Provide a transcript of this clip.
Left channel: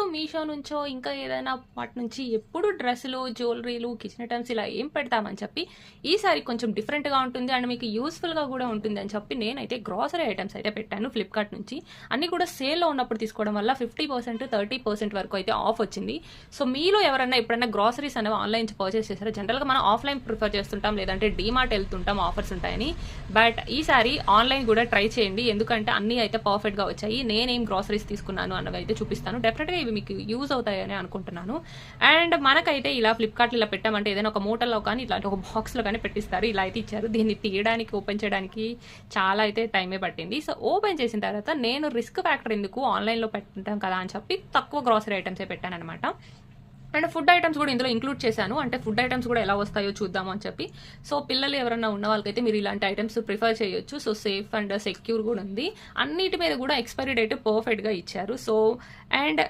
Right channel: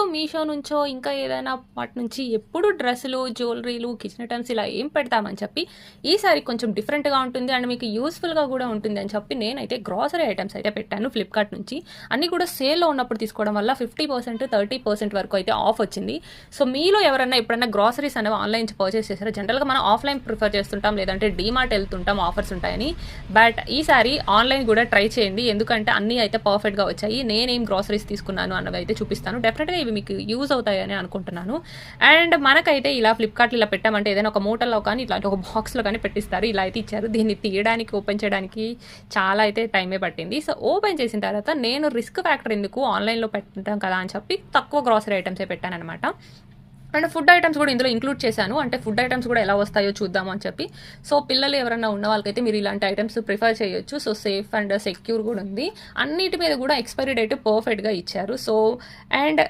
ఎప్పుడు మీషో నుంచో ఇంకా ఏదైనా వాటి నుంచి ఎప్పుడు డ్రెస్సులు, జ్యువెలరీలు, కిచెన్ ఐటమ్స్ ఇలా ఏం పెడతామని చెప్పి ఈసారి కొంచెం డిఫరెంట్గా ఉంటుంది అండ్ మీకు యూస్ఫుల్గా కూడా ఉంటుంది అని చెప్పి నేనైతే గ్రాసరీ ఐటమ్స్ అయితే పెట్టాను ఫ్లిప్కార్ట్ నుంచి. అన్నీ కూడా సేల్లో ఉన్నప్పుడు తీసుకోవడం వల్ల 50%, 30% వరకు అయితే ఆఫ్ వచ్చింది. సో మీలో ఎవరన్నా ఎప్పుడైనా గ్రాసరీస్ అనేవి ఆన్లైన్ నుంచి పర్చేస్ చేశారా? జనరల్గా మనం ఆఫ్లైన్ ప్రిఫర్ చేస్తుంటాం, లేదంటే డీమార్ట్ వెళ్తుంటాం ఆఫర్స్ ఉంటాయని. బట్ ఈసారి ఆన్లైన్ కూడా ట్రై చేయండి, ఎందుకంటే అన్నీ అయితే పర్ఫెక్ట్గా వచ్చాయి. నేనేం గ్రాసరీస్ తీసుకున్నాను అన్నవి అయితే చూపిస్తాను. డెఫినెట్గా ఇవి మీకు యూజ్ అవుతాయని అనుకుంటున్నాను. అండ్ మనకైతే ఇలా ఫ్లిప్కార్ట్ ఇలా పెట్టామంటే ఏదైనా ఒక మూటల్లో కానీ ఇట్లాంటి ఒక బాక్స్లో కానీ పెట్టిస్తారు. ఇలా అయితే ఇచ్చారు. దీన్ని తీయడానికి, ఓపెన్ చేయడానికి చాలా అయితే టైమే పట్టింది. సో ఓపెన్ చేసిన తర్వాత నేను రిస్క్ ఫ్యాక్టర్ ఎందుకు ఆన్లైన్లో పెట్టాం కదా అని చెప్పి తక్కువ గ్రాసరీ ఐటమ్సే పెట్టాను అనమాట. అండ్ ఫుడ్ ఐటమ్స్ కూడా ఇందులో ఇంక్లూడ్ చేశాను. అంటే ఫుడ్ ఐటమ్స్ కూడా ఎలా వస్తాయో చూద్దాము అని చెప్పి. సో పిల్లలు ఎవరైనా ఉన్న వాళ్ళకైతే మీరు ఇలాంటి ఐటమ్స్ ప్రిఫర్ చేయొచ్చు. సో సేఫ్ అండ్ సెక్యూర్ కూడా ఉంది. అన్నిటి మీద కూడా ఎక్స్పైరీ డేట్ పర్ఫెక్ట్గా ఇచ్చారు. So and